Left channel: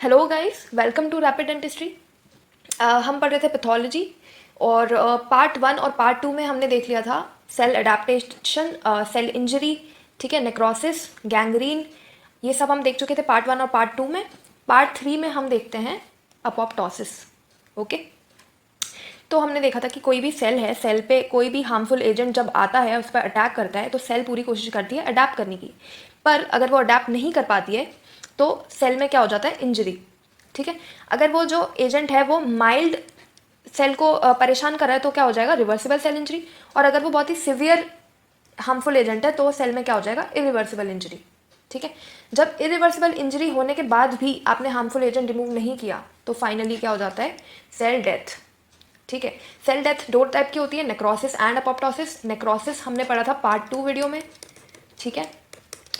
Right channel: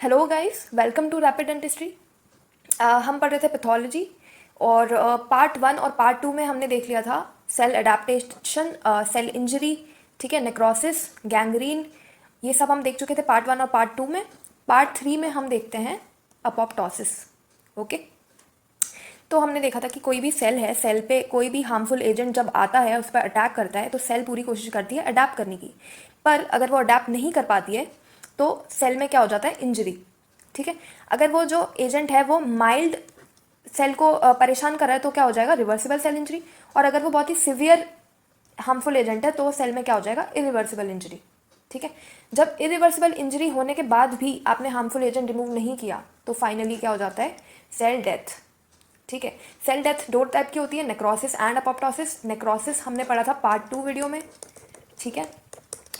Hello guys, welcome to rapid dentistry. हम पढ़ रहे थे पैथोलॉजी और पार्ट 1 और पार्ट 2 में हमने देख लिया था सेल एडेप्टेशन, सेल इंजरी, ठीक है, नेक्रोसिस, गैंग्रीन, ये सब हम देख चुके थे पार्ट 1 और पार्ट 2 में। पार्ट 3 में हम देखते हैं अपोप्टोसिस। ओके, तो हमने देखा था कि कोई भी सेल है, सेल पे कोई भी हार्मफुल एजेंट जब आता है, उस पर अटैक करता है, तो सेल पूरी कोशिश करती है अडैप्ट करने की। पर अगर वो अडैप्ट नहीं कर पाती है तो सेल में क्या हो जाता है, इंजरी। ठीक है, अगर वो जो एजेंट है वो माइल्ड सेल को परेशान कर रहा है तो क्या हो जाएगा, रिवर्सिबल सेल इंजरी। और अगर वो बहुत ही सिवियर हार्मफुल एजेंट है तो सेल में क्या हो जाएगा, इरिवर्सिबल इंजरी। ठीक है, जब इरिवर्सिबल इंजरी होने के बाद भी आपने हार्मफुल एजेंट रिमूव नहीं किया तो फाइनली क्या हो जाता है, सेल डेथ। ठीक है, सेल डेथ दो टाइप की होती है, नेक्रोसिस एंड अपोप्टोसिस। नेक्रोसिस हमने पढ़ा था पार्ट 2 वीडियो में, ठीक है,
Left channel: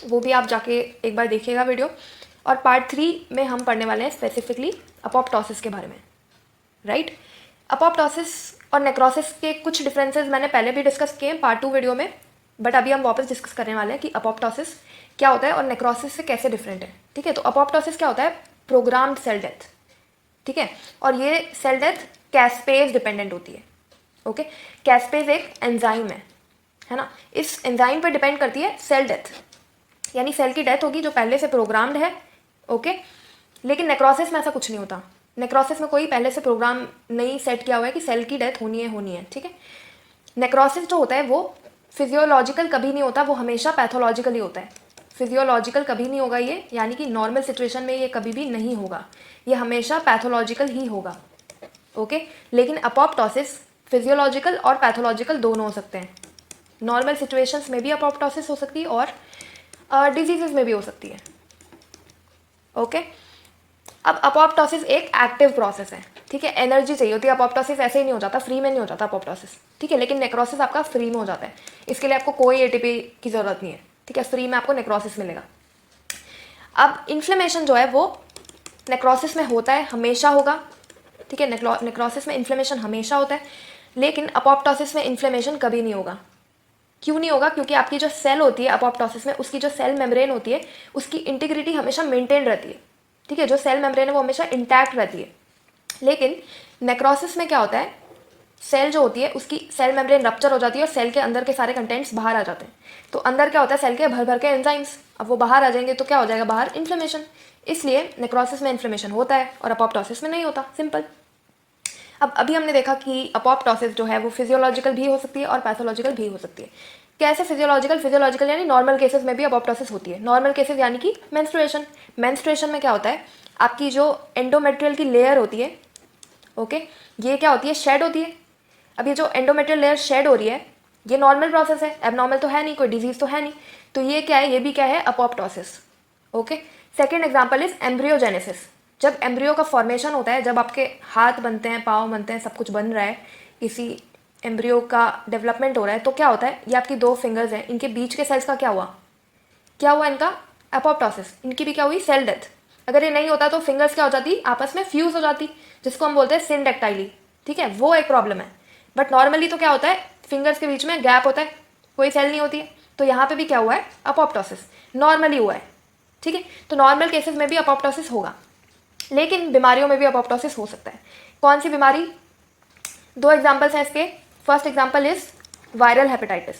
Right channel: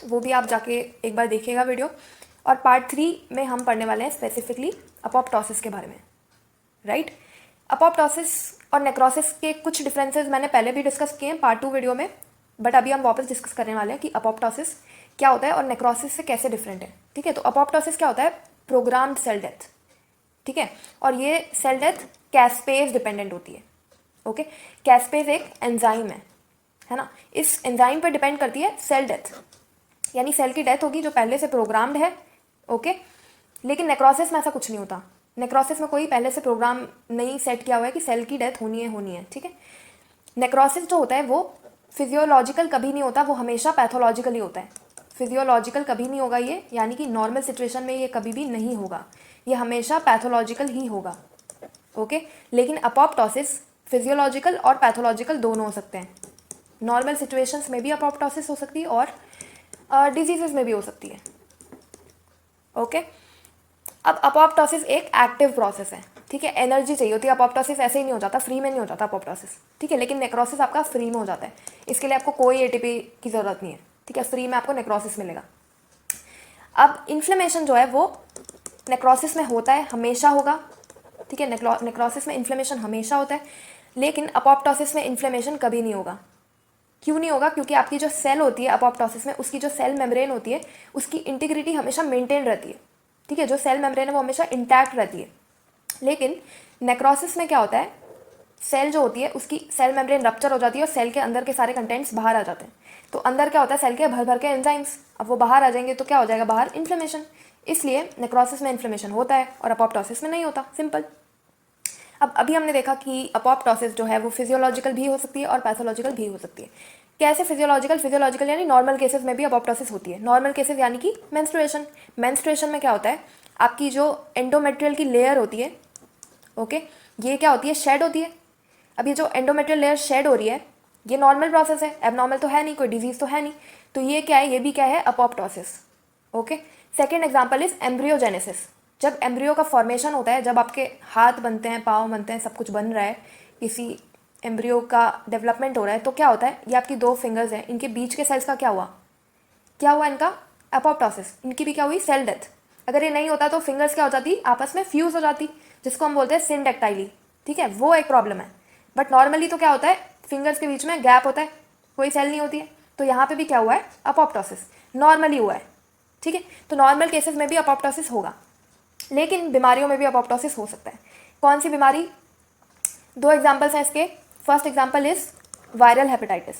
वो भी आप जाके एक बार देखिएगा वीडियो। और पार्ट 3 में हम पढ़ने वाले हैं स्पेसिफिकली अपोप्टोसिस के बारे में, राइट। अपोप्टोसिस और नेक्रोसिस के कुछ डिफरेंसेस मैंने पहले भी डिस्कस किए पार्ट 2 वीडियो में, बट अभी हम वापस डिस्कस करने वाले हैं कि अपोप्टोसिस क्या होता है और नेक्रोसिस से कैसे डिफरेंट है। ठीक है, तो अपोप्टोसिस क्या होता है, प्रोग्राम्ड सेल डेथ। ठीक है, और ये सेल डेथ कैस्पेज डिपेंडेंट होती है। ओके, कैस्पेज एक एंजाइम है ना, इस एंजाइम पर डिपेंड करती है सेल डेथ, यानी सेल की डेथ होगी जो पहले से प्रोग्राम्ड है। ओके, लेकिन नेक्रोसिस में ऐसा कुछ नहीं होता। नेक्रोसिस में कोई पहले से प्रोग्राम नहीं सेट किया हुआ है कि सेल की डेथ होनी है। ठीक है, नेक्रोसिस जो होता है वो फिजियोलॉजिकल कभी नहीं होता, वो हमेशा पैथोलॉजिकल ही होता है। फिजियोलॉजिकल कभी नहीं होगा ये, यानी कि नॉर्मल सिचुएशन में ये कभी भी नहीं होगा, ये हमेशा पैथोलॉजिकल ही होगा। ओके, लेकिन अपोप्टोसिस फिजियोलॉजिकल और पैथोलॉजिकल दोनों हो सकते हैं। नॉर्मल सिचुएशंस में भी अपोप्टोसिस हो सकती है और डिजीजेस में भी हो सकती है। ओके, अब अपोप्टोसिस एक एक्टिव प्रोसेस है। ठीक है, एनर्जी चाहिए होती है, अपोप्टोसिस ऐसे ही नहीं हो जाता, फ्री में नहीं हो जाता अपोप्टोसिस। ठीक है, लेकिन नेक्रोसिस आपका फ्री में हो जाता है, इसके लिए आपको कोई एटीपी की जरूरत नहीं है। ठीक है, फ्री में आपको नेक्रोसिस मिलेगा। अब इन्फ्लेमेशन जो है वो नेक्रोसिस में होता है, हमेशा होगा। ठीक है, नेक्रोसिस में इन्फ्लेमेशन हमेशा होता है, लेकिन अपोप्टोसिस में इन्फ्लेमेशन कभी नहीं होगा। क्यों नहीं होगा, क्योंकि आपकी जो सेल होती है अपोप्टोसिस में, उसकी जो सेल मेम्ब्रेन होती है उसकी इंटीग्रिटी हमेशा मेंटेन रहती है। ठीक है, जो सेल मेम्ब्रेन है वो हमेशा इंटैक्ट रहती है। लेकिन नेक्रोसिस में क्या होता है, सेल जो होती है उसकी सेल मेम्ब्रेन रप्चर हो जाती है और सेल के अंदर के सारे कंटेंट्स बाहर आ जाते हैं। तो अंदर क्या होता है, सेल के भर भर के एंजाइम्स, अब वो बाहर आ जाएंगे तो क्या हो जाएगा, बाहर इन्फ्लेमेशन। इसलिए नेक्रोसिस में इन्फ्लेमेशन होता है और अपोप्टोसिस में नहीं होता, सिंपल। अब अभी हमने देखा कि अपोप्टोसिस जो है वो फिजियोलॉजिकल भी हो सकती है और पैथोलॉजिकल भी हो सकती है। कैसे फिजियोलॉजिकल यानी नॉर्मल केसेस में भी अपोप्टोसिस होती है। नॉर्मल केसेस यानी कि मेंस्ट्रुएशन में क्या होता है, आपकी जो एंडोमेट्रियल की लेयर होती है, ओके, ये क्या होती है, शेड होती है। अब ये जो एंडोमेट्रियल लेयर शेड हो रही है ये नॉर्मल प्रोसेस है, एबनॉर्मल तो है नहीं, कोई डिजीज तो है नहीं, तो ये क्या है, ये भी क्या है, apoptosis. Okay, second example is embryogenesis. जब एम्ब्रियो का फॉर्मेशन होता है, जब आपके हाथ बनते हैं, पाँव बनते हैं, सब कुछ बन रहा है, किसी एम्ब्रियो का डेवलपमेंट हो रहा है, तो क्या होता है, ये आपकी 2 फिंगर्स हैं, इनके बीच के सेल्स का क्या हुआ इनका, अपोप्टोसिस। इनकी भी क्या हुई, सेल डेथ। अगर ये नहीं होता तो फिंगर्स क्या हो जाती, आपस में फ्यूज हो जाती, जिसको हम बोलते हैं सिंडेक्टाइली। ठीक है, वो एक प्रॉब्लम है। बट नॉर्मली तो क्या होता है, फिंगर्स के बीच में गैप होता है, कोई सेल नहीं होती है। तो यहाँ पे भी क्या हुआ है, अपोप्टोसिस नॉर्मली हुआ है। ठीक है, तो नॉर्मल केसेस में भी अपोप्टोसिस होगा, लेकिन बीमारियों में भी अपोप्टोसिस हो सकता है। कौन सी बीमारी, 2 एग्जाम्पल्स हैं इसके। First example is viral hepatitis.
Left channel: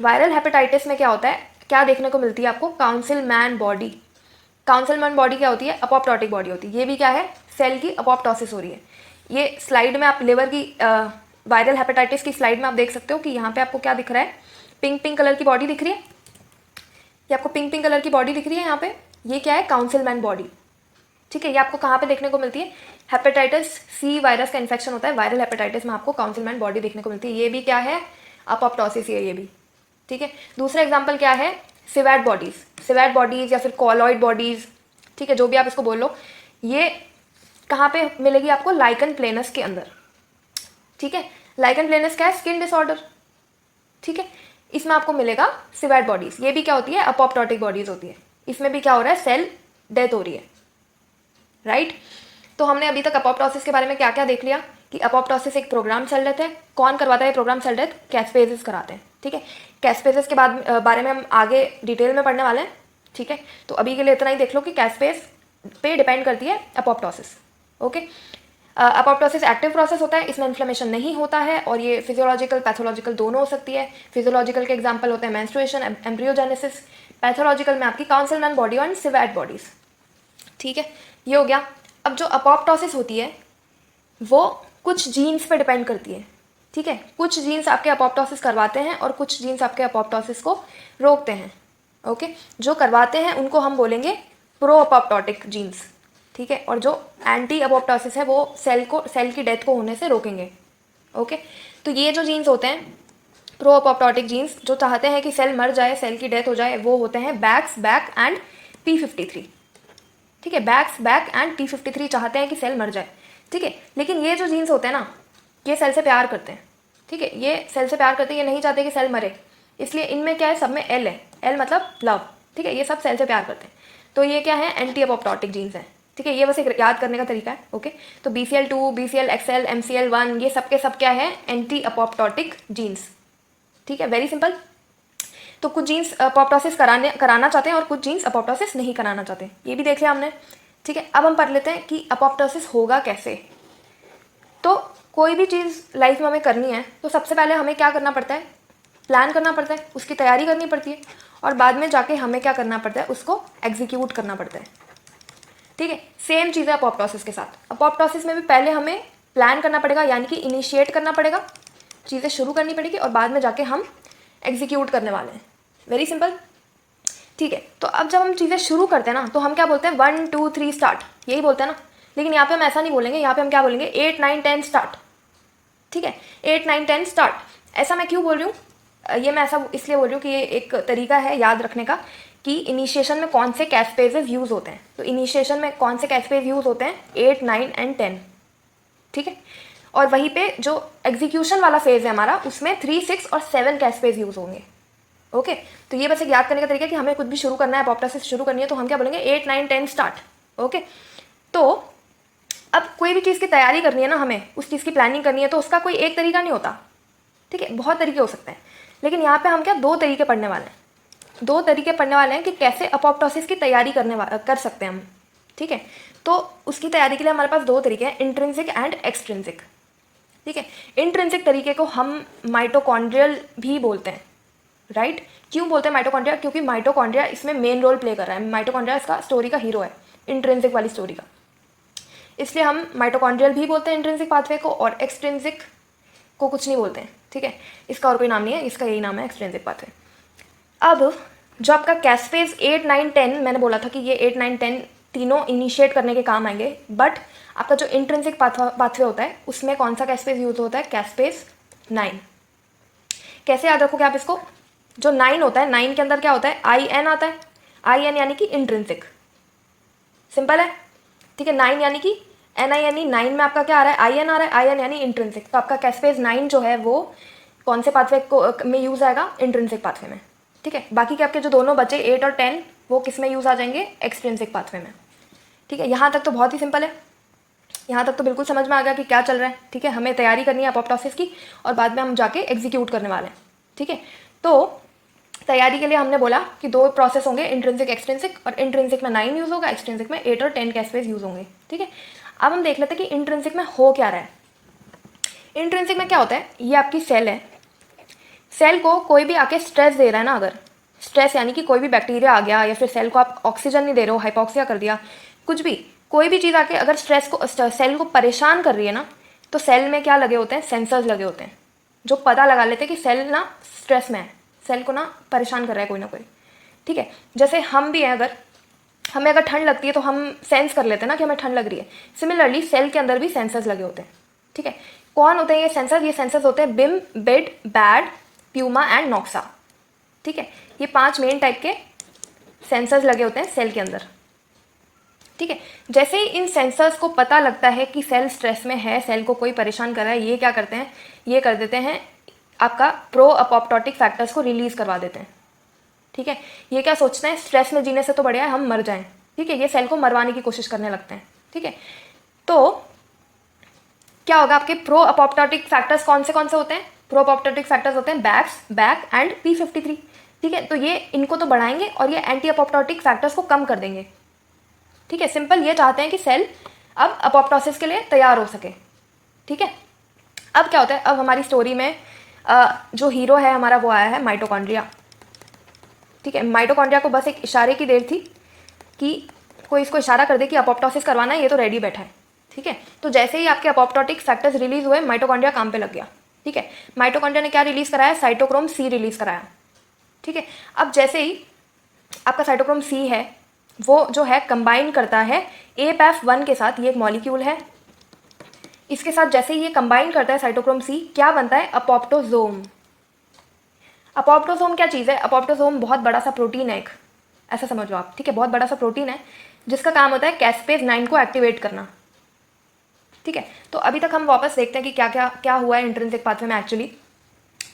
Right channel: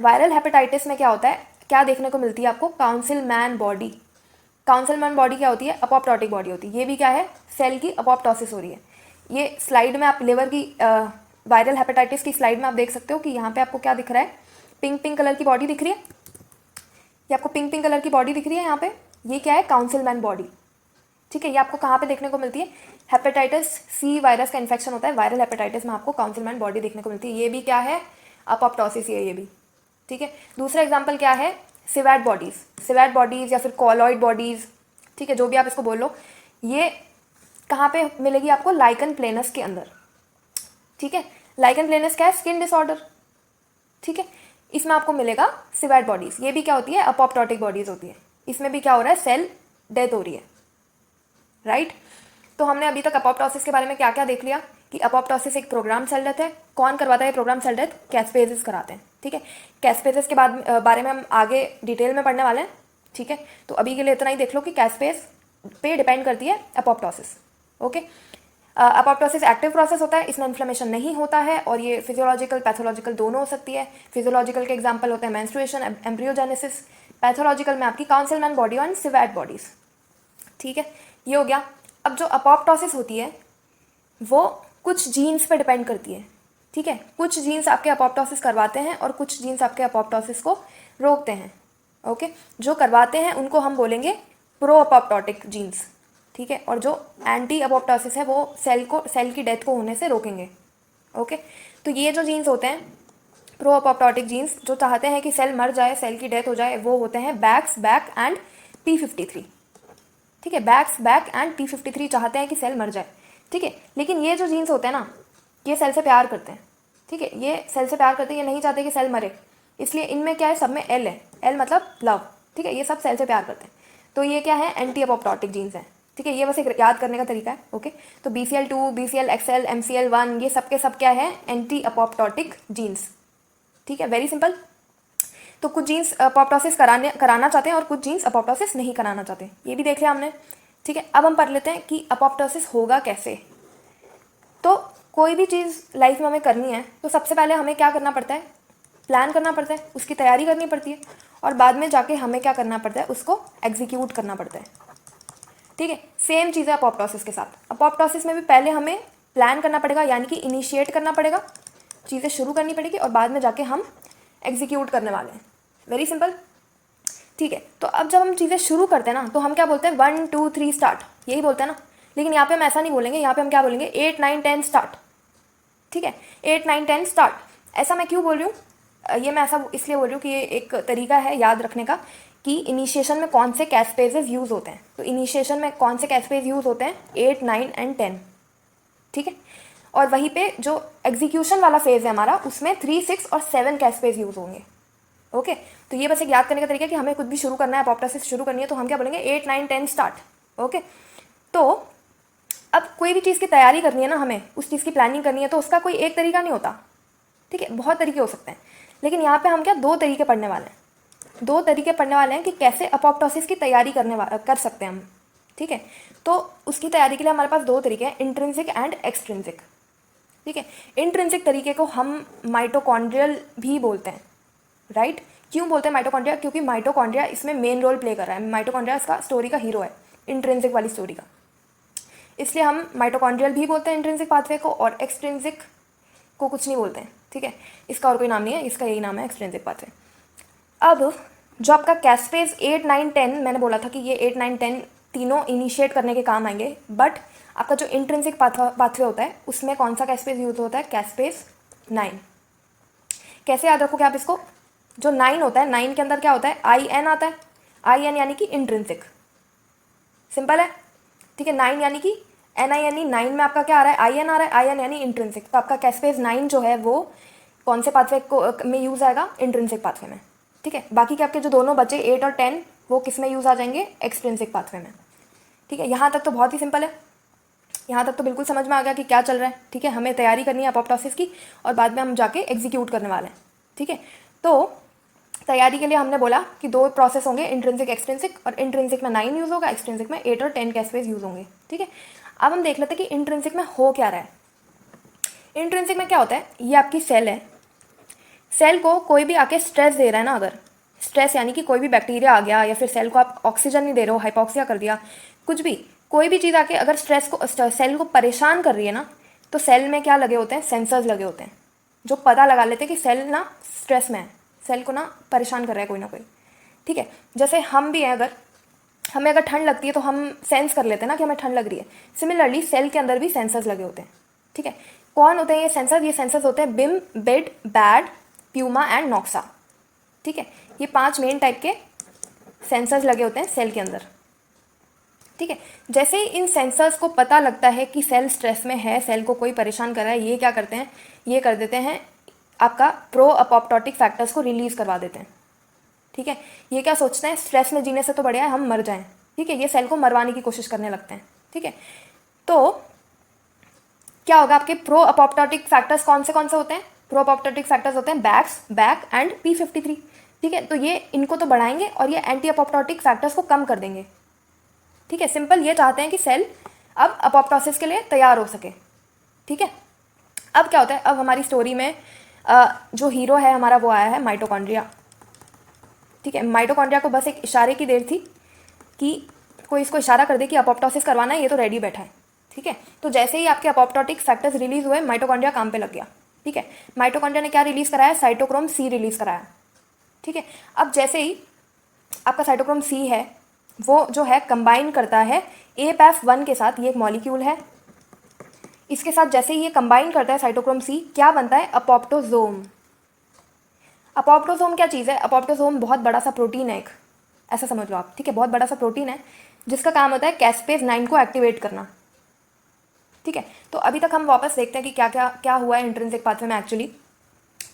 Viral hepatitis में क्या होता है, क्या देखने को मिलती है आपको, काउंसिलमैन बॉडी। काउंसिलमैन बॉडी क्या होती है, अपोप्टोटिक बॉडी होती है। ये भी क्या है, सेल की अपोप्टोसिस हो रही है। ये स्लाइड में आप लिवर की वायरल हेपेटाइटिस की स्लाइड में आप देख सकते हो कि यहाँ पे आपको क्या दिख रहा है, पिंक कलर की बॉडी दिख रही है, ये आपको पिंक कलर की बॉडी दिख रही है यहाँ पे, ये क्या है, काउंसिलमैन बॉडी। ठीक है, ये आपको कहाँ पे देखने को मिलती है, हेपेटाइटिस सी वायरस का इन्फेक्शन होता है, वायरल हेपेटाइटिस में आपको काउंसिलमैन बॉडी देखने को मिलती है। ये भी क्या है, अपोप्टोसिस है ये भी। ठीक है, दूसरा एग्जाम्पल क्या है, सिवैट बॉडीज या फिर कॉलॉइड बॉडीज, ठीक है, जो भी आप इसको बोल लो। ये कहाँ पे मिलेगी आपको, लाइकन प्लेनस के अंदर। ठीक है, लाइकन प्लेनस क्या है, स्किन डिसऑर्डर। ठीक है, इसमें आपको मिलेगा सिवैट बॉडीज। ये भी क्या होती है, अपोप्टोटिक बॉडीज होती है। इसमें भी क्या हो रहा है, सेल डेथ हो रही है, राइट। तो हमने अभी तक अपोप्टोसिस के बारे में क्या क्या देख लिया कि अपोप्टोसिस एक प्रोग्राम सेल डेथ है। कौन करवाता है प्रोग्राम सेल डेथ, कैस्पेजेस कराते हैं। ठीक है, कैस्पेजेस के बारे में हम आगे डिटेल में पढ़ने वाले हैं। ठीक है, तो अभी के लिए इतना ही देख लो कि कैस्पेज पे डिपेंड करती है apoptosis. Okay, apoptosis active process होता है, इसमें इन्फ्लेमेशन नहीं होता है और ये फिजियोलॉजिकल पैथोलॉजिकल दोनों हो सकती है। फिजियोलॉजिकल के एग्जांपल होते हैं मेंस्ट्रुएशन, एम्ब्रियोजेनेसिस। पैथोलॉजिकल में आपकी काउंसिलमैन बॉडी एंड सिवेट बॉडीज। ठीक है, ये हो गया। अब जो अपोप्टोसिस होती है वो कुछ जीन्स पे डिपेंड करती है। ठीक है, कुछ जीन्स आपके अपोप्टोसिस करवाते हैं और कुछ जीन्स आपके अपोप्टोसिस को रोकते हैं। ओके, जो करवाते हैं उनको हम बोलेंगे प्रो अपोप्टोटिक जीन्स। ठीक है, और जो एंटी अपोप्टोसिस है वो सेल की डेथ को होने से रोकेंगे। ओके, तो ये जो जीन्स होते हैं प्रो अपोप्टोटिक जीन्स, जो चाहते हैं कि सेल मर जाए, सेल की डेथ हो जाए, वो होते हैं बैक्स, बैक एंड P53। ठीक है, बैक्स, बैक एंड P53 चाहते हैं कि सेल मर जाए। ठीक है, लेकिन ये जो जीन्स होते हैं ना, ये सेल से प्यार करते हैं। ठीक है, ये सेल से प्यार करते हैं, ये नहीं चाहते कि सेल मरे, इसलिए इनमें क्या है, सब में एल है, एल मतलब लव। ठीक है, ये सब सेल से प्यार करते हैं, तो ये क्या है, एंटी अपोप्टोटिक जीन्स हैं। ठीक है, ये बस एक याद करने का तरीका है। ओके, तो BCL2, BCL-XL, MCL1 ये सब के सब क्या है, एंटी अपोप्टोटिक जीन्स। ठीक है, वेरी सिंपल। तो कुछ जीन्स अपोप्टोसिस कराना चाहते हैं और कुछ जीन्स अपोप्टोसिस नहीं कराना चाहते, ये भी देख लिया हमने। ठीक है, अब हम पढ़ लेते हैं कि अपोप्टोसिस होगा कैसे। तो कोई भी चीज़ लाइफ में हमें करनी है तो सबसे पहले हमें क्या करना पड़ता है, प्लान करना पड़ता है, उसकी तैयारी करनी पड़ती है और बाद में जाके हमें क्या करना पड़ता है, उसको एग्जीक्यूट करना पड़ता है। ठीक है, सेम चीज़ है अपोप्टोसिस के साथ। अपोप्टोसिस में भी पहले हमें प्लान करना पड़ेगा, यानी कि इनिशिएट करना पड़ेगा, चीज़ें शुरू करनी पड़ेगी और बाद में जाके हम एग्जीक्यूट करने वाले हैं। Very simple. ठीक है, तो अब जब हम चीज़ें शुरू करते हैं ना तो हम क्या बोलते हैं, 1 2 3 स्टार्ट, यही बोलते हैं ना। लेकिन यहाँ पे हम ऐसा नहीं बोलेंगे, यहाँ पे हम क्या बोलेंगे, 8 9 10 स्टार्ट। ठीक है, 8 9 10 स्टार्ट। ऐसा मैं क्यों बोल रही हूँ, ये मैं ऐसा इसलिए बोल रही हूँ कि ये एक तरीका है याद रखने का कि इनिशिएशन में कौन से कैस्पेजेस यूज़ होते हैं। तो इनिशिएशन में कौन से कैस्पेज यूज़ होते हैं, 8 9 एंड 10। ठीक है, और वहीं पे जो एग्जीक्यूशन वाला फेज है हमारा, उसमें 3 6 और 7 कैस्पेज यूज़ होंगे। ओके, तो ये बस एक याद करने का तरीका है कि हमें कुछ भी शुरू करना है, अपोप्टोसिस शुरू करनी है, तो हम क्या बोलेंगे, 8 9 10 स्टार्ट। ओके, तो अब कोई भी चीज़ की तैयारी करनी है ना, हमें उस चीज़ की प्लानिंग करनी है, तो उसका कोई एक तरीका नहीं होता। ठीक है, बहुत तरीके हो सकते हैं, लेकिन यहाँ पे हम क्या दो तरीके पढ़ने वाले हैं। दो तरीके पढ़ने वाले हैं कि कैसे अपोप्टोसिस की तैयारी कर सकते हैं हम। ठीक है, तो उसकी तैयारी के लिए हमारे पास दो तरीके हैं, इंट्रिंसिक एंड एक्सट्रिंसिक। ठीक है, इंट्रिंसिक तरीके को हम माइटोकॉन्ड्रियल भी बोलते हैं। राइट, क्यों बोलते हैं माइटोकॉन्ड्रिया, क्योंकि माइटोकॉन्ड्रिया इसमें मेन रोल प्ले कर रहा है। माइटोकॉन्ड्रिया इसका स्टोरी का हीरो है, इंट्रिंसिक वाली स्टोरी का, इसलिए हम माइटोकॉन्ड्रियल भी बोलते हैं इंट्रिंसिक पाथवे को, और एक्सट्रिंसिक को कुछ नहीं बोलते हैं। ठीक है, इसका और कोई नाम नहीं है, इसका यही नाम है, एक्सट्रिंसिक पाथवे। अब जो आपका कैस्पेज 8 9 10, मैंने बोला था कि ये 8 9 10 तीनों इनिशिएट करने के काम आएंगे, बट आपका जो इंट्रिंसिक पाथवे होता है उसमें कौन सा कैस्पेज यूज होता है, कैस्पेज 9। कैसे याद रखोगे आप इसको, जो 9 होता है, 9 के अंदर क्या होता है, IN आता है, IN यानी कि इंट्रिंसिक। सिंपल है। ठीक है, 9 यानी कि NINE, 9 में आपका क्या आ रहा है, IN आ रहा है, IN यानी इंट्रिंसिक। तो आपका कैस्पेज 9 जो है वो कौन से पाथवे को में यूज आएगा, इंट्रिंसिक पाथवे में। ठीक है, बाकी के आपके जो दोनों बचे 8 और 10 वो किस में यूज आ जाएंगे, एक्सट्रिंसिक पाथवे में। ठीक है, यहाँ तक तो बहुत ही सिंपल है, यहाँ तक तो बिल्कुल समझ में आ गया कि क्या चल रहा है। ठीक है, हमें तैयारी करनी है अपोप्टोसिस की और बाद में हम जाके एग्जीक्यूट करने वाले हैं। ठीक है, तो तैयारी के लिए हमने बोला कि दो प्रोसेस होंगे, इंट्रिंसिक एक्सट्रिंसिक, और इंट्रिंसिक में 9 यूज होगा, एक्सट्रिंसिक में 8 और 10 कैस्पेज यूज होंगे। ठीक है, अब हम देख लेते हैं कि इंट्रिंसिक में हो क्या रहा है। इंट्रिंसिक में क्या होता है, ये आपकी सेल है, सेल को कोई भी आके स्ट्रेस दे रहा है ना, अगर स्ट्रेस यानी कि कोई भी बैक्टीरिया आ गया या फिर सेल को आप ऑक्सीजन नहीं दे रहे हो, हाइपोक्सिया कर दिया, कुछ भी कोई भी चीज़ आके अगर सेल को परेशान कर रही है ना, तो सेल में क्या लगे होते हैं, सेंसर्स लगे होते हैं, जो पता लगा लेते हैं कि सेल ना स्ट्रेस में है, सेल को ना परेशान कर रहा है कोई ना कोई। ठीक है, जैसे हम भी हैं, अगर हमें अगर ठंड लगती है तो हम सेंस कर लेते हैं ना कि हमें ठंड लग रही है। सिमिलरली सेल के अंदर भी सेंसर्स लगे होते हैं। ठीक है, कौन होते हैं ये सेंसर, ये सेंसर्स होते हैं बिम, बिड, बैड, प्यूमा एंड नॉक्सा। ठीक है, ये 5 मेन टाइप के सेंसर्स लगे होते हैं सेल के अंदर। ठीक है, जैसे ही इन सेंसर्स को पता लगता है कि सेल स्ट्रेस में है, सेल को कोई परेशान कर रहा है, ये क्या करते हैं, ये कर देते हैं आपका प्रो अपोप्टोटिक फैक्टर्स को रिलीज करवा देते हैं। ठीक है, ये क्या सोचते हैं, स्ट्रेस में जीने से तो बढ़िया है हम मर जाएं। ठीक है, ये सेल को मरवाने की कोशिश करने लगते हैं। ठीक है, तो क्या होगा, आपके प्रो अपोप्टोटिक फैक्टर्स कौन से होते हैं, प्रो अपोप्टोटिक फैक्टर्स होते हैं बैक्स, बैक एंड P53। ठीक है, तो ये इनको तो बढ़ाएंगे और ये एंटी अपोप्टोटिक फैक्टर्स को कम कर देंगे। ठीक ठीक है, सिंपल ये चाहते हैं कि सेल अब अपोप्टोसिस के लिए तैयार हो सके। ठीक है, अब क्या होता है, अब हमारी स्टोरी में जो हीरो है हमारा वो आया है माइटोकॉन्ड्रिया। ठीक है, माइटोकॉन्ड्रिया को बस एक इशारे की देर थी कि कोई इसको इशारा कर दे कि अपोप्टोसिस करवाना है, ये तो रेडी बैठा है। ठीक है, तो जैसे ही आपके अपोप्टोटिक फैक्टर्स रिलीज हुए माइटोकॉन्ड्रिया काम पे लग गया। ठीक है, माइटोकॉन्ड्रिया ने क्या रिलीज कराया, साइटोक्रोम सी रिलीज कराया। ठीक है, अब जैसे ही आपका साइटोक्रोम सी है वो जो है कंबाइन करता है APAF1 के साथ, ये एक मॉलिक्यूल है, इसके साथ जैसे ही ये कंबाइन करता है साइटोक्रोम सी, क्या बनता है, अपोप्टोजोम। अपोप्टोजोम क्या चीज़ है, अपोप्टोजोम बहुत बड़ा सा प्रोटीन है एक, ऐसा समझ लो आप। ठीक है, बहुत बड़ा सा प्रोटीन है जिसका काम होता है कैस्पेज 9 को एक्टिवेट करना। ठीक है, तो अभी तक हम वापस देखते हैं कि क्या क्या क्या हुआ है इंट्रिंसिक पाथवे में एक्चुअली।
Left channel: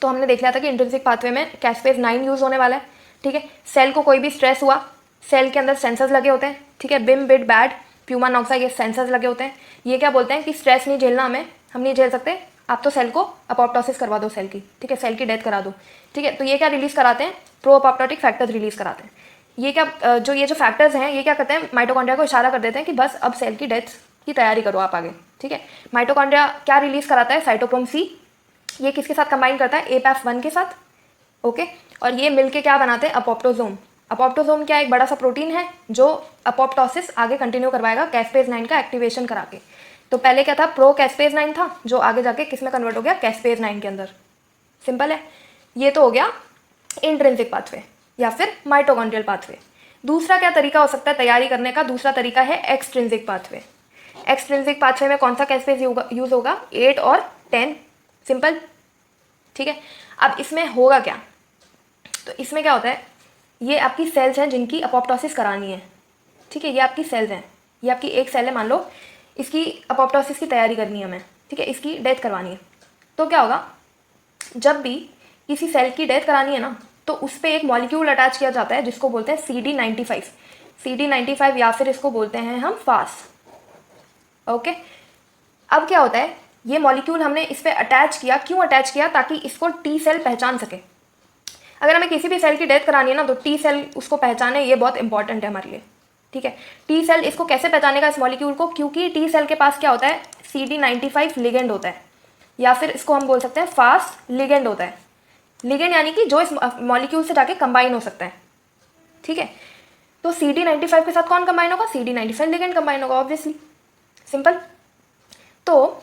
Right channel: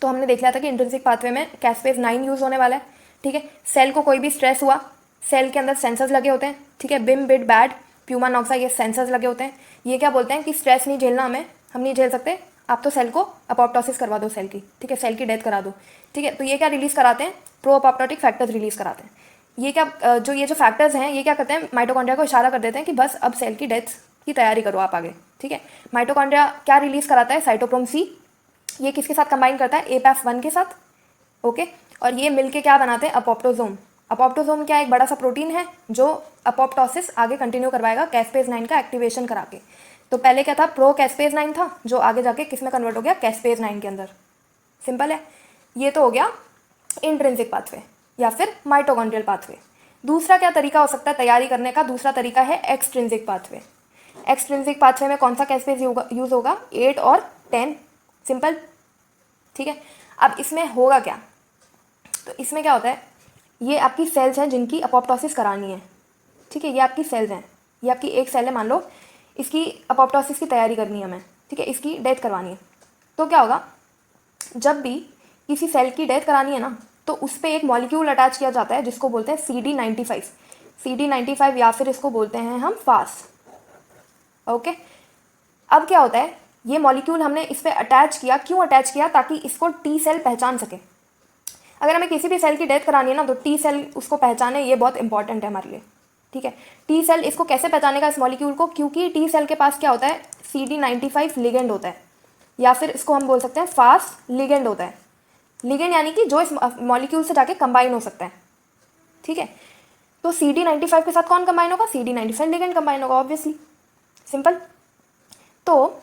तो हमने देख लिया था कि इंट्रिंसिक पाथवे में कैस्पेज 9 यूज होने वाला है। ठीक है, सेल को कोई भी स्ट्रेस हुआ, सेल के अंदर सेंसर्स लगे होते हैं। ठीक है, बिम बिट बैड प्यूमा नॉक्सा, ये सेंसर्स लगे होते हैं। ये क्या बोलते हैं कि स्ट्रेस नहीं झेलना हमें, हम नहीं झेल सकते, आप तो सेल को अपोप्टोसिस करवा दो सेल की। ठीक है, सेल की डेथ करा दो। ठीक है, तो ये क्या रिलीज कराते हैं, प्रो अपोप्टोटिक फैक्टर्स रिलीज कराते हैं। ये क्या ये जो फैक्टर्स हैं ये क्या करते हैं, माइटोकॉन्ड्रिया को इशारा कर देते हैं कि बस अब सेल की डेथ की तैयारी करो आप आगे। ठीक है, माइटोकॉन्ड्रिया क्या रिलीज कराता है, साइटोक्रोम सी, ये किसके साथ कंबाइन करता है, APAF1 के साथ। ओके, और ये मिलके क्या बनाते हैं, अपोप्टोजोम। अपोप्टोजोम क्या एक बड़ा सा प्रोटीन है जो अपोप्टोसिस आगे कंटिन्यू करवाएगा कैस्पेज 9 का एक्टिवेशन करा के। तो पहले क्या था, प्रो कैस्पेज 9 था जो आगे जाके किस में कन्वर्ट हो गया, कैस्पेज 9 के अंदर। सिंपल है, ये तो हो गया इंट्रिंसिक पाथवे या फिर माइटोकॉन्ड्रियल पाथवे। दूसरा क्या तरीका हो सकता है तैयारी करने का, दूसरा तरीका है एक्सट्रिंसिक पाथवे। एक्सट्रिंसिक पाथवे में कौन सा कैस्पेज यूज होगा, 8 और 10। सिंपल। ठीक है, अब इसमें होगा क्या, तो इसमें क्या होता है, ये आपकी सेल्स हैं जिनकी अपोप्टोसिस करानी है। ठीक है, ये आपकी सेल्स हैं, ये आपकी एक सेल है मान लो, इसकी अपोप्टोसिस की तैयारी करनी है हमें। ठीक है, इसकी डेथ करवानी है। तो क्या होगा, जब भी किसी सेल की डेथ करानी है ना, तो उस पर एक मॉलिक्यूल अटैच किया जाता है जिसको बोलते हैं CD95। CD95 या फिर इसको बोलते हैं हम फास। ओके, अब क्या होता है, ये मॉलिक्यूल हमने इस पर अटैच किया, क्यों अटैच किया, ताकि इसको टी सेल पहचान सके। अगर हमें किसी भी सेल की डेथ करानी है ना, तो टी सेल उसको पहचाने, ये बहुत इंपॉर्टेंट है हमारे लिए। ठीक है, टी सेल इसको कैसे पहचानेगा इस मॉलिक्यूल को, क्योंकि टी सेल के पास क्या होता है, CD95 लिगेंड होता है, या फिर इसको हम बोल सकते हैं फास्ट लिगेंड होता है। लिगेंड यानी कि जो इस मॉलिक्यूल से जाके कंबाइन हो सकता है। ठीक है, तो CD95 के साथ कौन कंबाइन होगा, CD95 लिगेंड कंबाइन होगा ऑब्वियसली। सिंपल। तो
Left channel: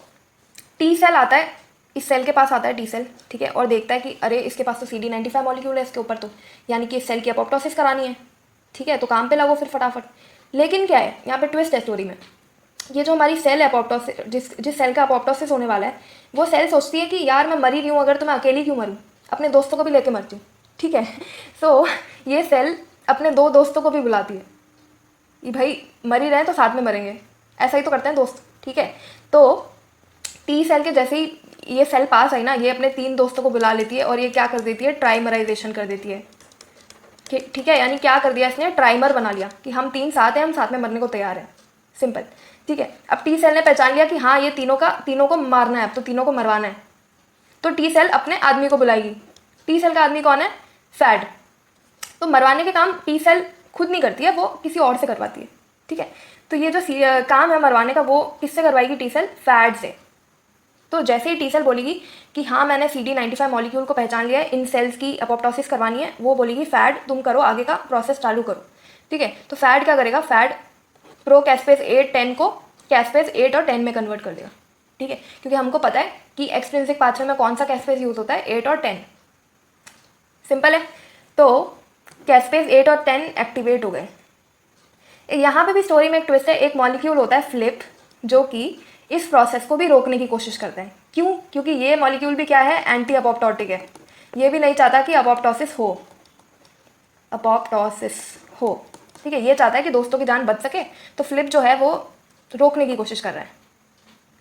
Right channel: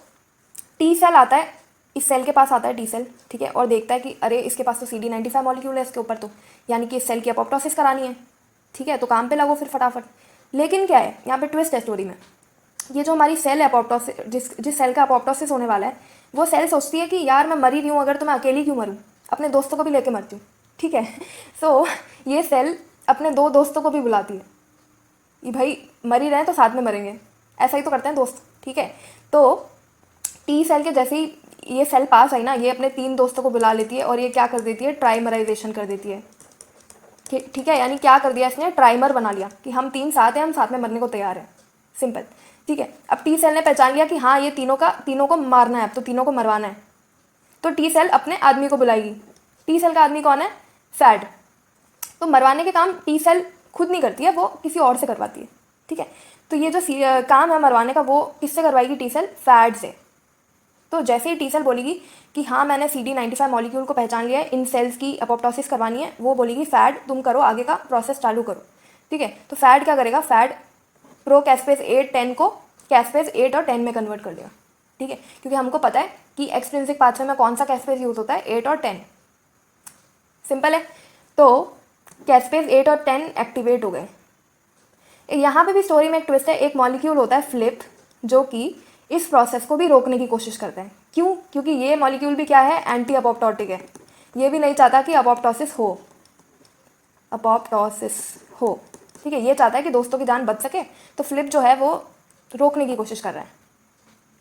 टी सेल आता है, इस सेल के पास आता है टी सेल। ठीक है, और देखता है कि अरे इसके पास तो CD95 मॉलिक्यूल है इसके ऊपर, तो यानी कि इस सेल की अपोप्टोसिस करानी है। ठीक है, तो काम पे लगो फिर फटाफट। लेकिन क्या है यहाँ पे ट्विस्ट है स्टोरी में, ये जो हमारी सेल है अपोप्टोसिस, जिस सेल का अपोप्टोसिस होने वाला है, वो सेल सोचती है कि यार मैं मरी रही हूँ, अगर तो मैं अकेली क्यों मरूँ, अपने दोस्तों को भी लेके मरती हूँ। ठीक है, सो ये सेल अपने 2 दोस्तों को भी बुलाती है कि भाई मरी रहे तो साथ में मरेंगे, ऐसा ही तो करते हैं दोस्त। ठीक है, तो टी सेल के जैसे ही ये सेल पास आई ना, ये अपने 3 दोस्तों को बुला लेती है और ये क्या कर देती है, ट्राइमराइजेशन कर देती है। ठीक है, यानी क्या कर दिया इसने, ट्राइमर बना लिया कि हम 3 साथ हैं, हम साथ में मरने को तैयार हैं। सिंपल। ठीक है, अब टी सेल ने पहचान लिया कि हाँ ये तीनों को मारना है, अब तो तीनों को मरवाना है। तो टी सेल अपने आदमी को बुलाएगी। टी सेल का आदमी कौन है, फैड। तो मरवाने के काम टी सेल खुद नहीं करती है, वो किसी और से करवाती है। ठीक है, तो ये जो काम है मरवाने का, वो किससे करवाएगी, टी सेल, फैड से। तो जैसे ही टी सेल बोलेगी कि हाँ मैंने CD95 मॉलिक्यूल को पहचान लिया है, इन सेल्स की अपोप्टोसिस करवानी है, वो बोलेगी फैड तुम करो, आगे का प्रोसेस चालू करो। ठीक है, तो फैड क्या करेगा, फैड प्रो कैस्पेज 8 10 को कैस्पेज 8 और 10 में कन्वर्ट कर देगा। ठीक है, क्योंकि हमको पता है कि एक्सट्रिंसिक पाथवे में कौन सा कैस्पेज यूज होता है, 8 और 10। सिंपल है, तो कैस्पेज 8 और 10 एक्टिवेट हो गए। यहाँ पे भी स्टोरी में एक ट्विस्ट है, एक मॉलिक्यूल होता है फ्लिप, जो कि इस प्रोसेस को भी रोकने की कोशिश करते हैं। क्यों, क्योंकि ये मॉलिक्यूल भी क्या है, एंटी अपोप्टोटिक है, ये भी नहीं चाहता कि अपोप्टोसिस हो। ठीक है, ये चाहता है कि दोस्तों की जान बच सके, तो फ्लिप जो है वो रोकने की कोशिश कर रहा है।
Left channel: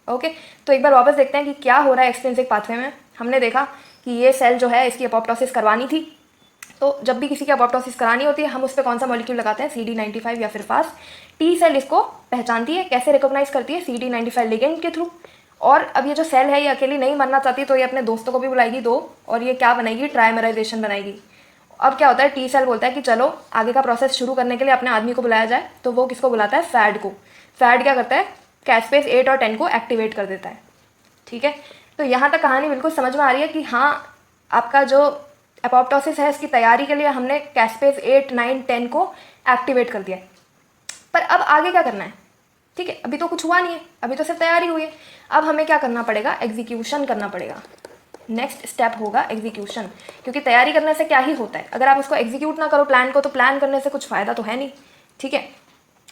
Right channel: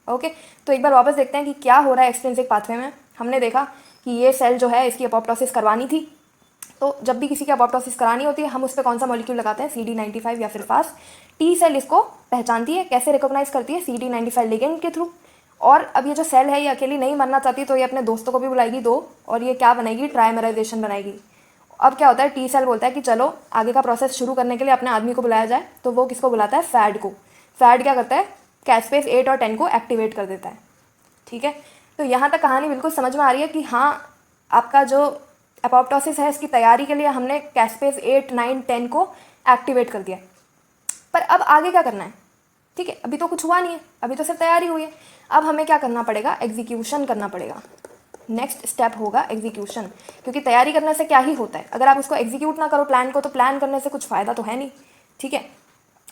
ओके, तो एक बार वापस देखते हैं कि क्या हो रहा है एक्सट्रिंसिक पाथवे में। हमने देखा कि ये सेल जो है इसकी अपोप्टोसिस करवानी थी, तो जब भी किसी की अपोप्टोसिस करानी होती है हम उस पर कौन सा मॉलिक्यूल लगाते हैं, CD95 या फिर फास्ट। टी सेल इसको पहचानती है, कैसे रिकॉग्नाइज करती है, CD95 लिगेंड के थ्रू। और अब ये जो सेल है ये अकेली नहीं मरना चाहती, तो ये अपने दोस्तों को भी बुलाएगी 2, और ये क्या बनाएगी, ट्राइमराइजेशन बनाएगी। अब क्या होता है, टी सेल बोलता है कि चलो आगे का प्रोसेस शुरू करने के लिए अपने आदमी को बुलाया जाए, तो वो किसको बुलाता है, फैड को। फैड क्या करता है, कैस्पेज 8 और 10 को एक्टिवेट कर देता है। ठीक है, तो यहाँ तक कहानी बिल्कुल समझ में आ रही है कि हाँ, आपका जो एपोप्टोसिस है इसकी तैयारी के लिए हमने कैस्पेज 8, 9, 10 को एक्टिवेट कर दिया। पर अब आगे क्या करना है, ठीक है, अभी तो कुछ हुआ नहीं है, अभी तो सिर्फ तैयारी हुई है। अब हमें क्या करना पड़ेगा, एग्जीक्यूशन करना पड़ेगा। नेक्स्ट स्टेप होगा एग्जीक्यूशन, क्योंकि तैयारी करने से क्या ही होता है, अगर आप उसको एग्जीक्यूट ना करो प्लान को, तो प्लान करने से कुछ फ़ायदा तो है नहीं। ठीक है,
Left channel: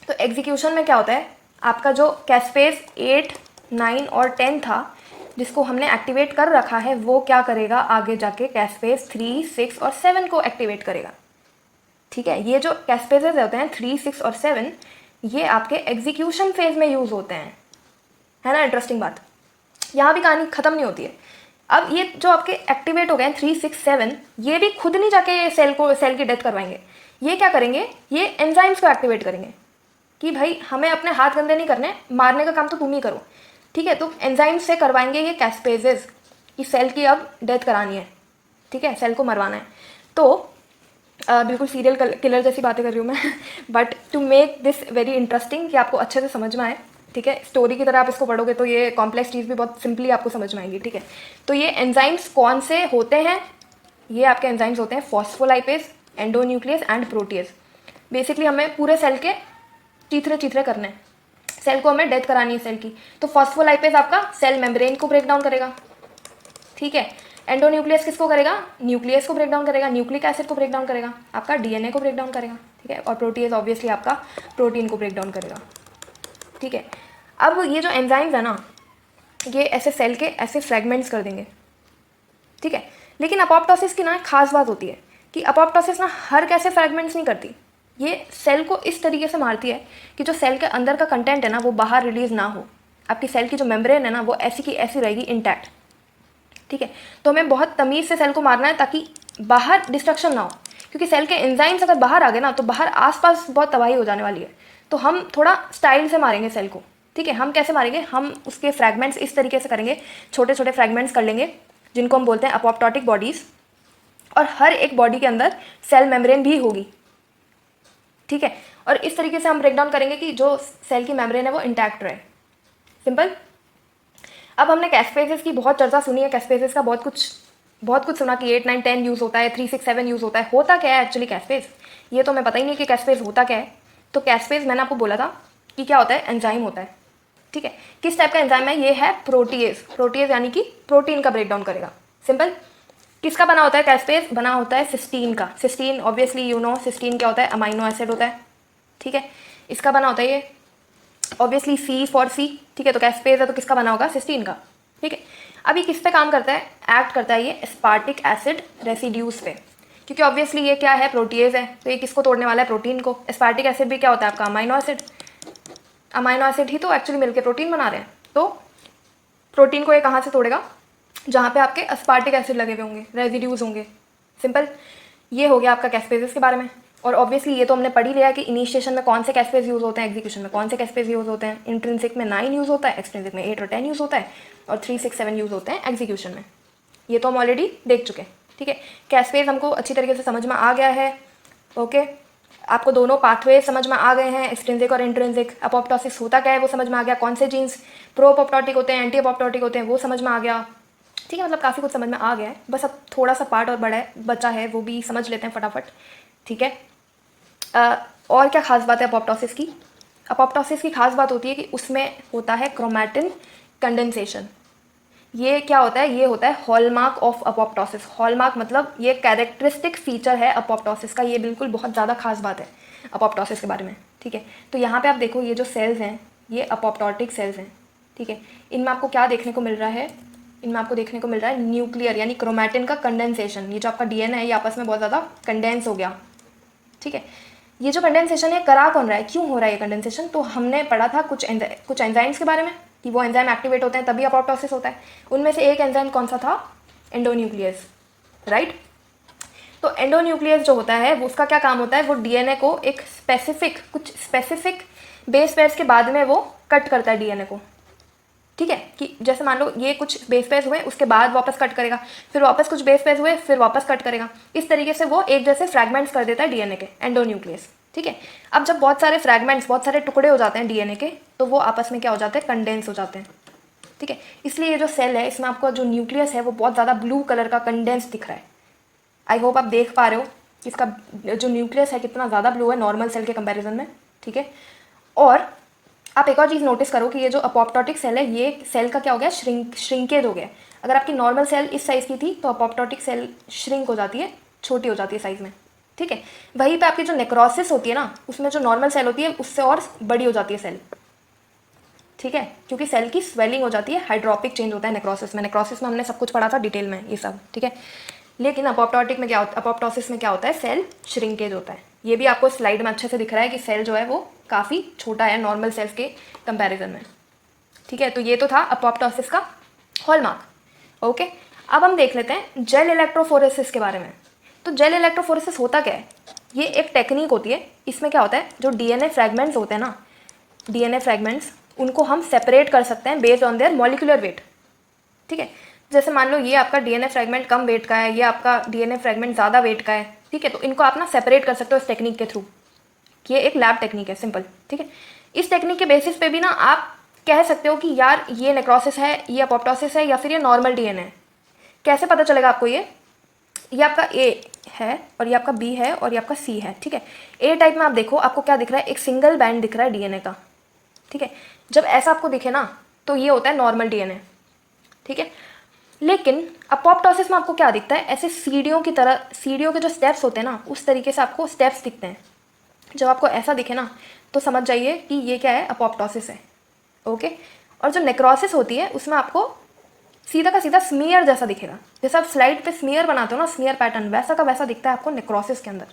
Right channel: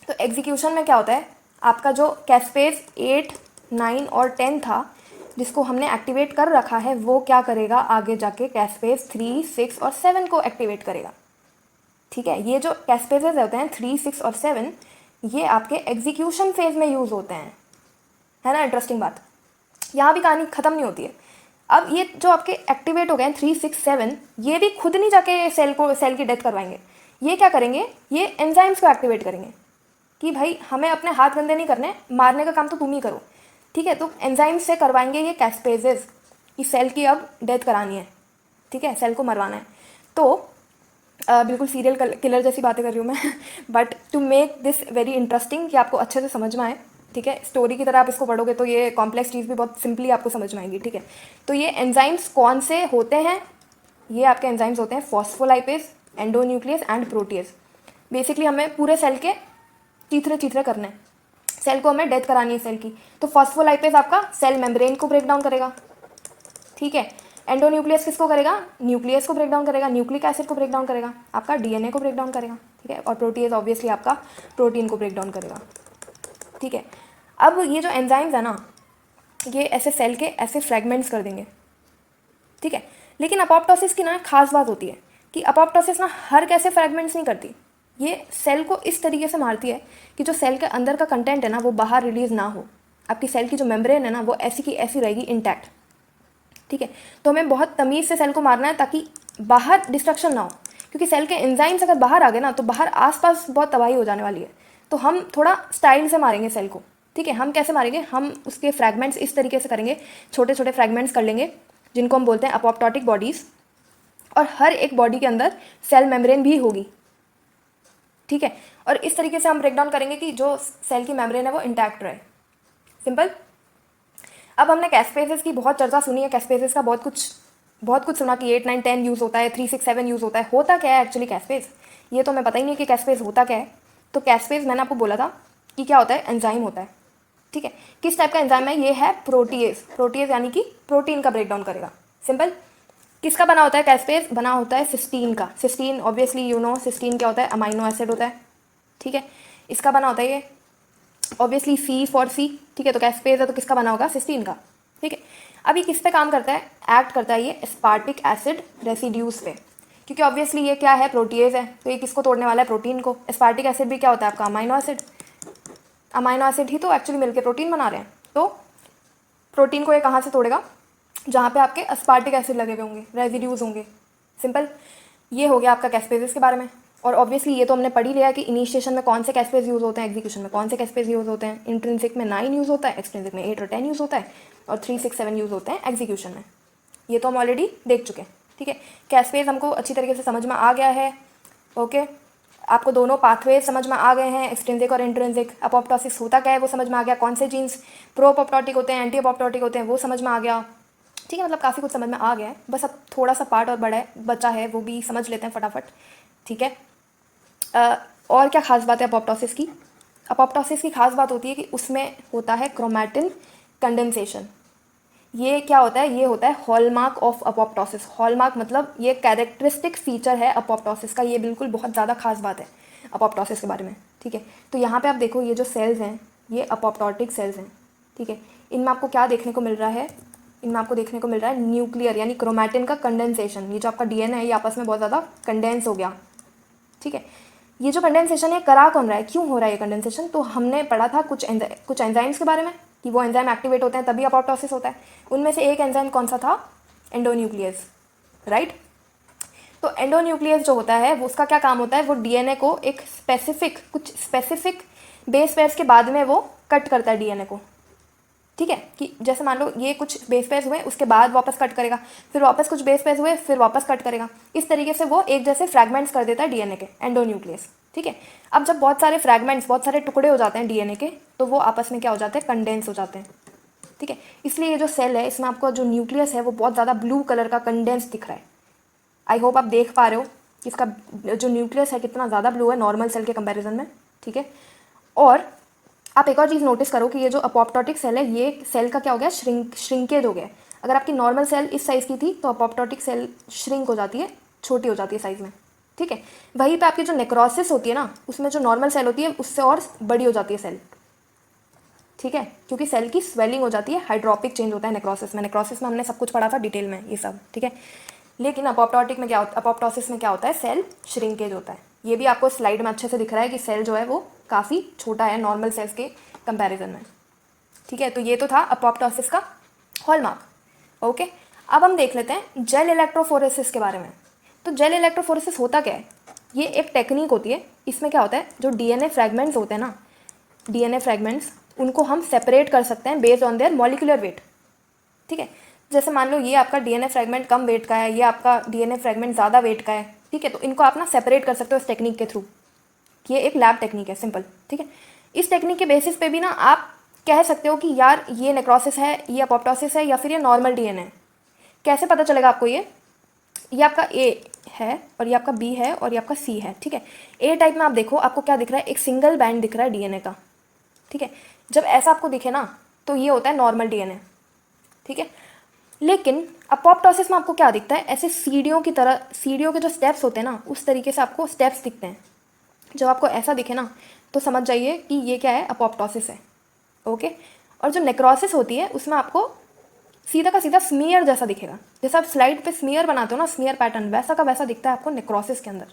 तो एग्जीक्यूशन में क्या होता है, आपका जो कैस्पेज 8, 9 और 10 था जिसको हमने एक्टिवेट कर रखा है, वो क्या करेगा, आगे जाके कैस्पेज 3, 6 और 7 को एक्टिवेट करेगा। ठीक है, ये जो कैस्पेजेस होते हैं 3, 6 और 7, ये आपके एग्जीक्यूशन फेज में यूज़ होते हैं, है ना। इंटरेस्टिंग बात, यहाँ भी कहानी ख़त्म नहीं होती है। अब ये जो आपके एक्टिवेट हो गए हैं 3, 6, 7, ये भी खुद नहीं जाके सेल की डेथ करवाएंगे। ये क्या करेंगे, ये एंजाइम्स को एक्टिवेट करेंगे कि भाई हमें अपने हाथ गंदे नहीं करने, मारने का काम तो तुम ही करो। ठीक है, तो एंजाइम्स से करवाएंगे ये कैस्पेजेस कि सेल की अब डेथ करानी है। ठीक है, सेल को मरवाना है। तो बिल्कुल सीरियल किलर जैसी बातें कर रही हूँ मैं but to make this very interesting, कि आपको अच्छे से समझ में आए। ठीक है, स्टोरी की तरह आप इसको पढ़ोगे तो ये कॉम्प्लेक्स चीज़ भी बहुत सिंपली आपको समझ में आएगी। ठीक है, तो ये एंजाइम्स कौन से होते हैं, ये आपके एंजाइम्स होते हैं phospholipase, endonuclease and protease. Basically हमें पूरे सेल के चीथरे चीथरे करने हैं, सेल को हमें डेथ करानी है सेल की। तो फॉस्फोलाइपेज आपका सेल मेम्ब्रेन को ब्रेक डाउन करेगा। ठीक है, एंडोन्यूक्लियस किसको करेगा, न्यूक्लियस को ब्रेक डाउन करेगा, न्यूक्लिक एसिड को ब्रेक डाउन करेगा, आपका डीएनए को ब्रेक डाउन करेगा। ठीक है, और प्रोटीएज ऑब्वियसली आपका प्रोटीन को ब्रेक डाउन करेगा। ठीक है, अब ये जो एंजाइम्स है ना, ये ऐसे सेल के ऐसे फ्रेगमेंट्स कर देंगे। ठीक है, लेकिन अपोप्टोसिस की ना खास बात होती है कि अपोप्टोसिस ना हर कैसे फ्रेगमेंट्स नहीं करती, ये सेल को इस तरीके से मारती है कि जो सेल के अंदर का कंटेंट है ना वो बाहर रिलीज ना हो। आपकी सेल की जो मेम्ब्रेन है ना वो ऐसी की ऐसी रहेगी इंटैक्ट। ठीक है, तो हमें बहुत तमीज़ से सेल को मारना है ताकि बाहर डिस्ट्रक्शन ना हो, क्योंकि सेल के एंजाइम्स अगर बाहर आ गए ना तो बाहर आसपास बहुत तबाही हो जाने वाली है। तो हम थोड़ा स्टाइल से मारेंगे सेल को। ठीक है, हम कैसे मारेंगे, हम उसके फ्रैगमेंट्स इस तरीके से करेंगे, छोटे छोटे फ्रैगमेंट्स कर लेंगे जिनको हम बोलते हैं अपोप्टोटिक बॉडीज़, और हर एक बॉडी के अंदर सेल मेम्ब्रेन भी होगी। ठीक है, और इस तरीके से हम ब्रेक डाउन करेंगे कि जो सेल की मेम्ब्रेन है वो इंटैक्ट रहे। सिंपल। अब हमने कैस्पेजेस की बहुत चर्चा सुनी है, कैस्पेजेस का बहुत कुछ सुना कि 8, 9, 10 यूज़ होता है, 3, 6, 7 यूज़ होता है। होता क्या है एक्चुअली कैस्पेज, ये तो मैं पता ही नहीं कि कैस्पेज होता क्या है। तो कैस्पेज मैंने आपको बोला था कि क्या होता है, एंजाइम होता है। ठीक है, किस टाइप का एंजाइम है, ये है प्रोटीएज। प्रोटीएज यानी कि प्रोटीन का ब्रेक डाउन करेगा। सिंपल। किसका बना होता है कैस्पेज, बना होता है सिस्टीन का। Cysteine obviously you know cysteine क्या होता है, अमाइनो एसिड होता है। ठीक है, इसका बना होता है ये ऑब्वियसली सी फॉर सी। ठीक है, तो कैस्पेज है तो किसका बना होगा, सिस्टीन का। ठीक है, अभी किस पे काम करता है, एक्ट करता है ये एस्पार्टिक एसिड रेसिड्यूज पे, क्योंकि ऑब्वियसली ये क्या है, प्रोटीएज है, तो ये किसको तोड़ने वाला है, प्रोटीन को। एस्पार्टिक एसिड भी क्या होता है आपका, अमाइनो एसिड। अमाइनो एसिड ही तो एक्चुअली मिलकर प्रोटीन बना रहे हैं। तो प्रोटीन को ये कहाँ से तोड़ेगा, जहाँ पे आपके एस्पार्टिक एसिड लगे हुए होंगे, रेजिड्यूज होंगे। सिंपल। ये हो गया आपका कैस्पेजेस के बारे में। और ऑब्वियसली ये तो हमने पढ़ ही लिया है कि इनिशिएशन में कौन से कैस्पेज यूज़ होते हैं, एग्जीक्यूशन में कौन से कैस्पेज यूज़ होते हैं। इंट्रिंसिक में 9 यूज़ होता है, एक्सट्रिंसिक में 8 और 10 यूज़ होता है, और 3, 6, 7 यूज़ होते हैं एग्जीक्यूशन में। ये तो हम ऑलरेडी देख चुके हैं। ठीक है, कैस्पेज हमको अच्छी तरीके से समझ में आ गया है। ओके, आपको दोनों पाथवे समझ में आ गए हैं, एक्सट्रिंसिक और इंट्रिंसिक। अपोप्टोसिस होता क्या है वो समझ में आ गया, कौन से जीन्स प्रो अपोप्टोटिक होते हैं, एंटी अपोप्टोटिक होते हैं वो समझ में आ गया। ठीक है, मतलब काफ़ी कुछ समझ में आ गया है, बस अब थोड़ा सा पार्ट और बचा है, वो भी समझ लेते हैं फटाफट। ठीक है, और क्या खास बात है अपोप्टोसिस की, अपोप्टोसिस की खास बात होती है कि उसमें होता है क्रोमैटिन कंडेंसेशन। ये क्या होता है, ये होता है हॉलमार्क ऑफ अपोप्टोसिस। हॉलमार्क मतलब ये कैरेक्टरिस्टिक फीचर है अपोप्टोसिस का, ये बिल्कुल बहुत ज़्यादा खास बात है अपोप्टोसिस के बारे में। ठीक है, तो यहाँ पे आप देखो ये जो सेल्स हैं ये अपोप्टोटिक सेल्स हैं। ठीक है, इनमें आपको क्या देखने को मिल रहा है, इनमें आपको देखने को मिल रहा है न्यूक्लियर यानी क्रोमैटिन का कंडेंसेशन। ये जो आपका डीएनए है ये आपस में बहुत ज़्यादा कंडेंस हो गया। ठीक है, ये जो कंडेंसेशन है करा कौन रहा है, क्यों हो रहा है ये कंडेंसेशन, तो हमने पढ़ा था कुछ एंजाइम्स के बारे में कि वो एंजाइम एक्टिवेट होते हैं तभी अपोप्टोसिस होता है। उनमें से एक एंजाइम कौन सा था, एंडोन्यूक्लियस, राइट। तो एंडोन्यूक्लियस जो होता है वो उसका क्या काम होता है, वो डीएनए को एक कुछ स्पेसिफिक बेस पेयर्स के बाद में वो कट करता है डीएनए को। ठीक है, कि जैसे मान लो ये कुछ बेस पेयर्स हुए, उसके बाद वापस कट करेगा, फिर वापस कुछ बेस पेयर्स हुए, फिर वापस कट करेगा। इस तरीके से वो एक जैसे फ्रैगमेंट्स कर देता है डीएनए के, एंडोन्यूक्लियस। ठीक है, अब जब बहुत सारे फ्रैगमेंट्स, बहुत सारे टुकड़े हो जाते हैं डीएनए के, तो वो आपस में क्या हो जाते हैं, कंडेंस हो जाते हैं। ठीक है, इसलिए ये जो सेल है इसमें आपको जो न्यूक्लियस है वो बहुत ज़्यादा ब्लू कलर का कंडेंस दिख रहा है। आई होप आप देख पा रहे हो कि इसका जो न्यूक्लियस है कितना ज़्यादा ब्लू है नॉर्मल सेल के कंपैरिजन में। ठीक है, और आप एक और चीज़ नोटिस करो कि ये जो अपोप्टोटिक सेल है, ये सेल का क्या हो गया, श्रिंकेज हो गया। अगर आपकी नॉर्मल सेल इस साइज़ की थी तो अपोप्टोटिक सेल श्रिंक हो जाती है, छोटी हो जाती है साइज़ में। ठीक है, वहीं पे आपकी जो नेक्रोसिस होती है ना, उसमें जो नॉर्मल सेल होती है उससे और बड़ी हो जाती है सेल। ठीक है, क्योंकि सेल की स्वेलिंग हो जाती है, हाइड्रोपिक चेंज होता है नेक्रोसिस में। नेक्रोसिस में हमने सब कुछ पढ़ा था डिटेल में ये सब। ठीक है, लेकिन अपोप्टोटिक में क्या होता है, अपोप्टोसिस में क्या होता है, सेल श्रिंकेज होता है। ये भी आपको स्लाइड में अच्छे से दिख रहा है कि सेल जो है वो काफ़ी छोटा है नॉर्मल सेल्स के कंपैरिजन में। ठीक है, तो ये तो था अपोप्टोसिस का हॉलमार्क। ओके, अब हम देख लेते हैं जेल इलेक्ट्रोफोरेसिस के बारे में। तो जेल इलेक्ट्रोफोरेसिस होता क्या है, ये एक टेक्निक होती है। इसमें क्या होता है, जो डीएनए फ्रैगमेंट्स होते हैं ना, डीएनए फ्रैगमेंट्स, उनको हम सेपरेट कर सकते हैं based on their molecular weight. ठीक है, जैसे मान लो ये आपका डीएनए फ्रैगमेंट कम वेट का है, ये आपका डीएनए फ्रैगमेंट ज़्यादा वेट का है। ठीक है, तो इनको आप ना सेपरेट कर सकते हो इस टेक्निक के थ्रू। ये एक लैब टेक्निक है, सिंपल। ठीक है, इस टेक्निक के बेसिस पे भी ना आप कह सकते हो कि यार ये नेक्रोसिस है, ये अपोप्टोसिस है, या फिर ये नॉर्मल डीएनए है। कैसे पता चलेगा आपको, ये आपका ए है और ये आपका बी है और ये आपका सी है। ठीक है, ए टाइप में आप देखो, आपको क्या दिख रहा है, एक सिंगल बैंड दिख रहा है डीएनए का। ठीक है, जब ऐसा आपको दिखे ना तो ये होता है नॉर्मल डीएनए। ठीक है, लेकिन अपोप्टोसिस में आपको क्या दिखता है, ऐसे सीढ़ियों की तरह, सीढ़ियों के जो स्टेप्स होते हैं ना, उस तरीके से आपको स्टेप्स दिखते हैं। जब आपको ऐसा दिखे ना तो समझ जाइए कि ये क्या है, अपोप्टोसिस है। ओके, और जो नेक्रोसिस होती है उसमें आपको सीधा का सीधा स्मीयर जैसा दिखेगा। जैसे आप स्लाइड पे स्मीयर बनाते हो ना, स्मीयर पैटर्न, वैसा का वैसा दिखता है आपको नेक्रोसिस के अंदर।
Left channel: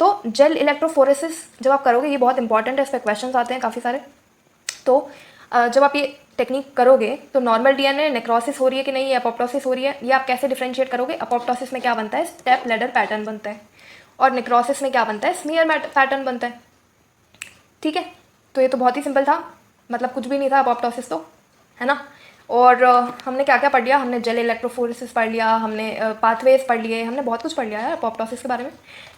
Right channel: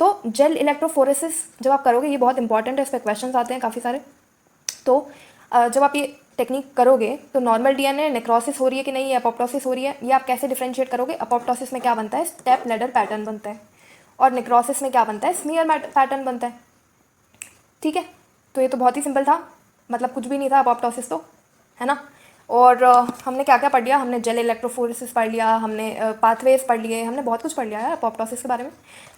तो जेल इलेक्ट्रोफोरेसिस जब आप करोगे, ये बहुत इंपॉर्टेंट है, इस पर क्वेश्चन आते हैं काफ़ी सारे। तो जब आप ये टेक्निक करोगे तो नॉर्मल डीएनए नेक्रोसिस हो रही है कि नहीं, अपोप्टोसिस हो रही है, ये आप कैसे डिफरेंशिएट करोगे। अपोप्टोसिस में क्या बनता है, स्टेप लैडर पैटर्न बनता है, और नेक्रोसिस में क्या बनता है, स्मीयर पैटर्न बनता है। ठीक है, तो ये तो बहुत ही सिंपल था, मतलब कुछ भी नहीं था अपोप्टोसिस तो, है ना। और हमने क्या क्या पढ़ लिया, हमने जेल इलेक्ट्रोफोरेसिस पढ़ लिया, हमने पाथवेज पढ़ लिए, हमने बहुत कुछ पढ़ लिया है अपोप्टोसिस के बारे में।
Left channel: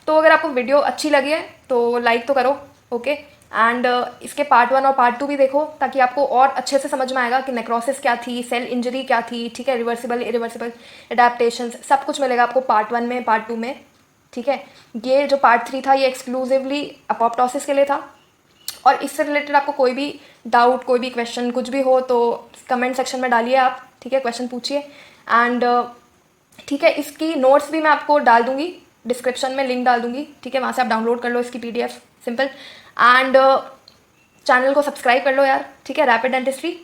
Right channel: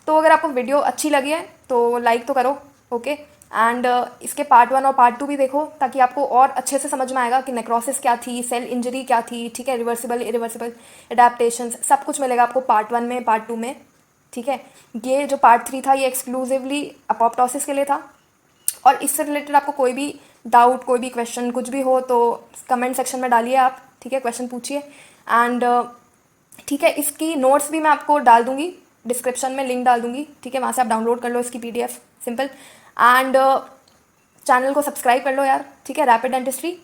तो अगर आपको वीडियो अच्छी लगी है तो लाइक तो करो। ओके, एंड इसके पार्ट 1 और पार्ट 2 भी देखो, ताकि आपको और अच्छे से समझ में आएगा कि नेक्रोसिस क्या थी, सेल इंजरी क्या थी। ठीक है, रिवर्सिबल इरिवर्सिबल एडेप्टेशन सब कुछ मिलेगा आपको पार्ट 1 में, पार्ट 2 में। ठीक है, ये जो पार्ट 3 था ये एक्सक्लूसिवली अपोप्टोसिस के लिए था। और इससे रिलेटेड आपको कोई भी डाउट, कोई भी क्वेश्चन, कुछ भी हो तो कमेंट सेक्शन में डालिए आप। ठीक है, क्वेश्चन पूछिए। एंड ठीक है, इसकी नोट्स भी मैं आपको डाल दूंगी, डिस्क्रिप्शन में लिंक डाल दूंगी। ठीक है, वहाँ से आप डाउनलोड कर लो इसकी पीडीएफ, सिंपल। एंड चैनल को सब्सक्राइब कर लो यार। ठीक है, रैपिड डेंटिस्ट्री,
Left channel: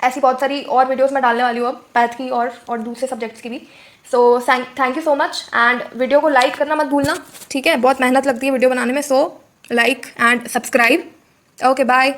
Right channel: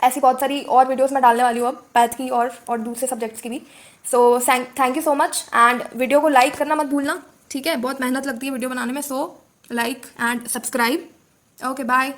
ऐसी बहुत सारी और वीडियोस मैं डालने वाली हूँ अब, पैथ की और दूसरे सब्जेक्ट्स की भी। So thank you so much, and video को लाइक करना मत भूलना। ठीक है, बहुत मेहनत लगती है वीडियो बनाने में, so like and subscribe. Okay, bye.